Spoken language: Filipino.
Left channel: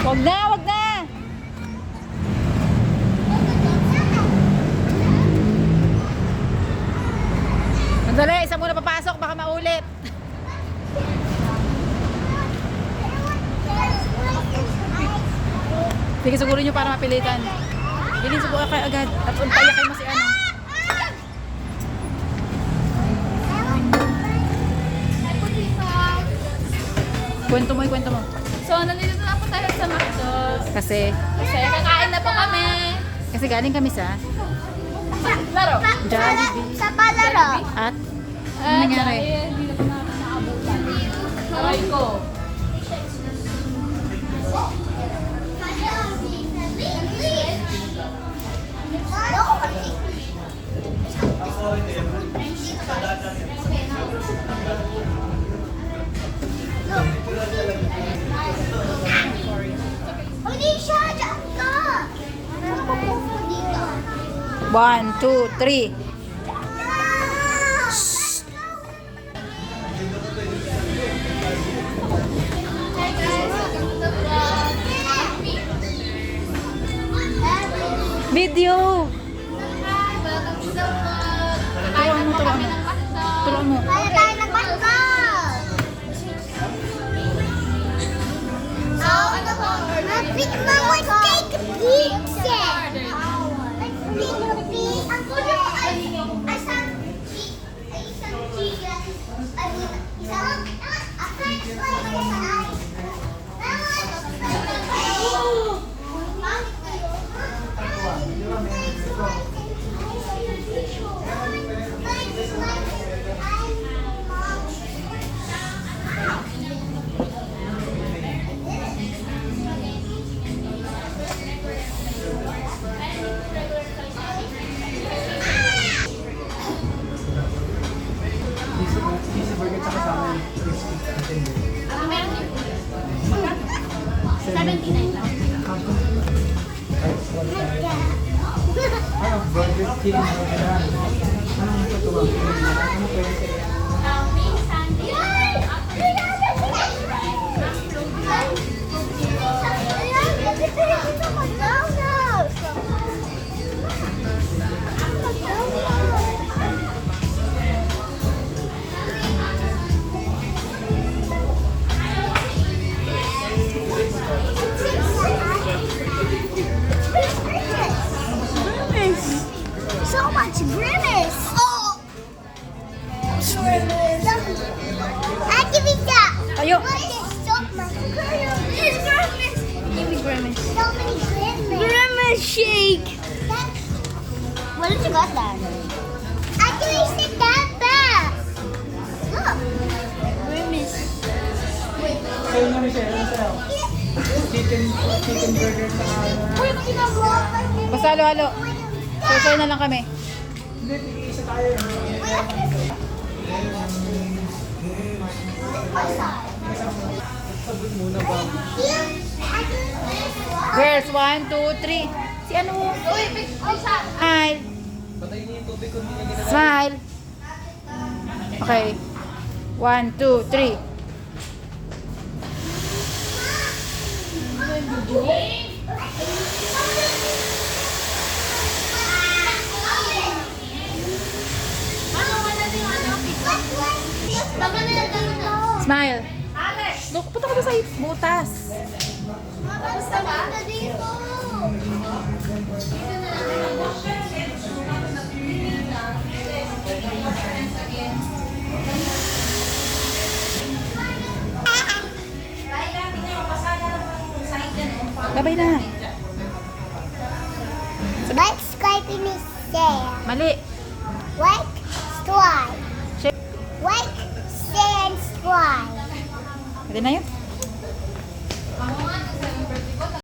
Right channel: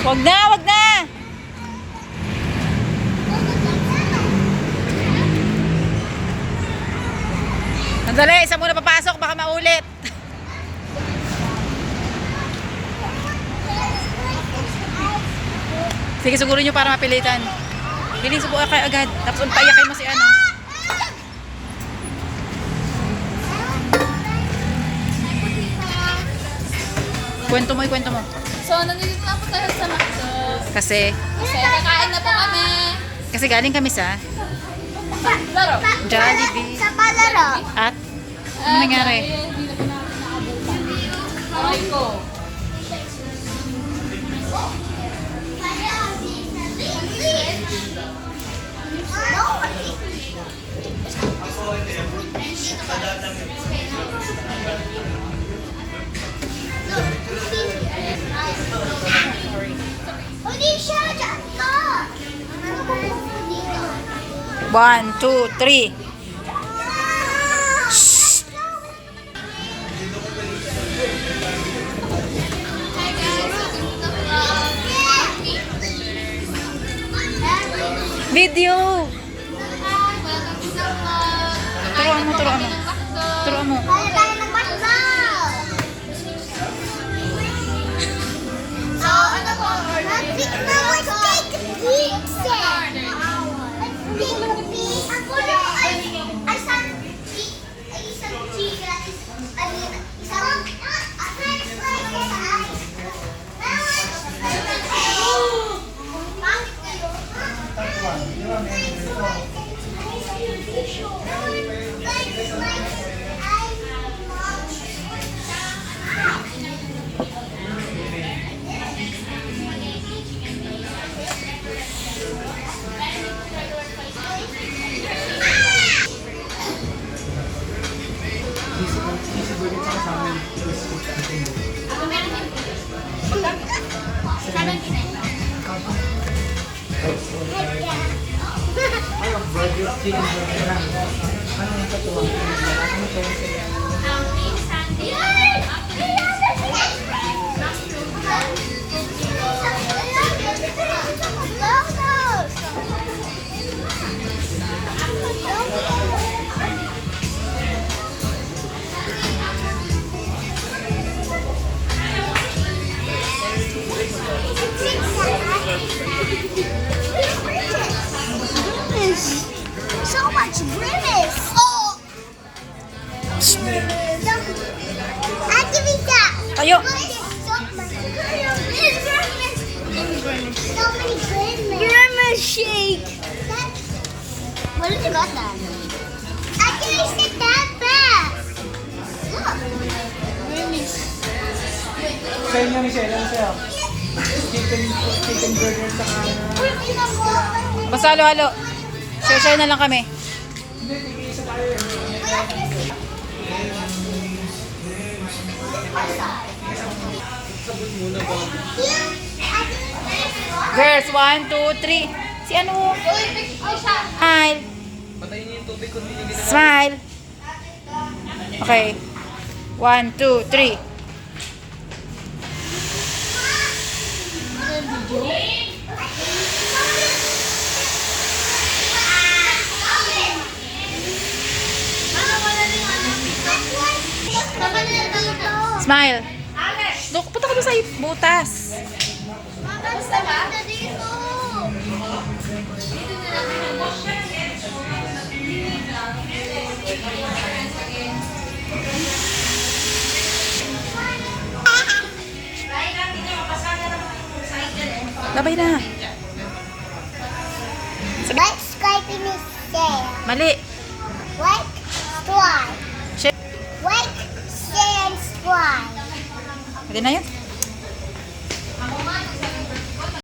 Wag na, wag na. Sandali, isa muna papasok, baka maulit. Sige, siguro nyo para mapilitan. Bilhin subukan kayo agad. Tapos payakin mo si ano. Kwento mo, kwento mo. So, nandito na po tayo sa McDo. Kasi Kakain na po kami. galing kami sa Laro. Jollibee. Sa palaro. At ano nangyari? Hindi na po natin naabutan. Aray ko. Hindi siya dyan ka. 1, 2, 3. Video. Turuan mo, turuan mo. Turuan mo. Wala tayo ng basball. Magic Mama's take a pizza. Ako lang ay isang chicken. So much grimace. Oh. Activita. Tayo. Grimace shake. What did you got that? Actually, stick that back. Look. Grimace. Chicken burger sa Basta halo-halo. Sayo-sayo na lang kami. Girls, 1, 2, 3. Si ano? Smile. Smile. Okay. 1, 2, 3. Smile. Dok, punta ka doon sa butas. Babay na. Let's swipe in his tail. Mali. Wake, swipe. Shake. Wake, stand, swipe. Pwede na yun.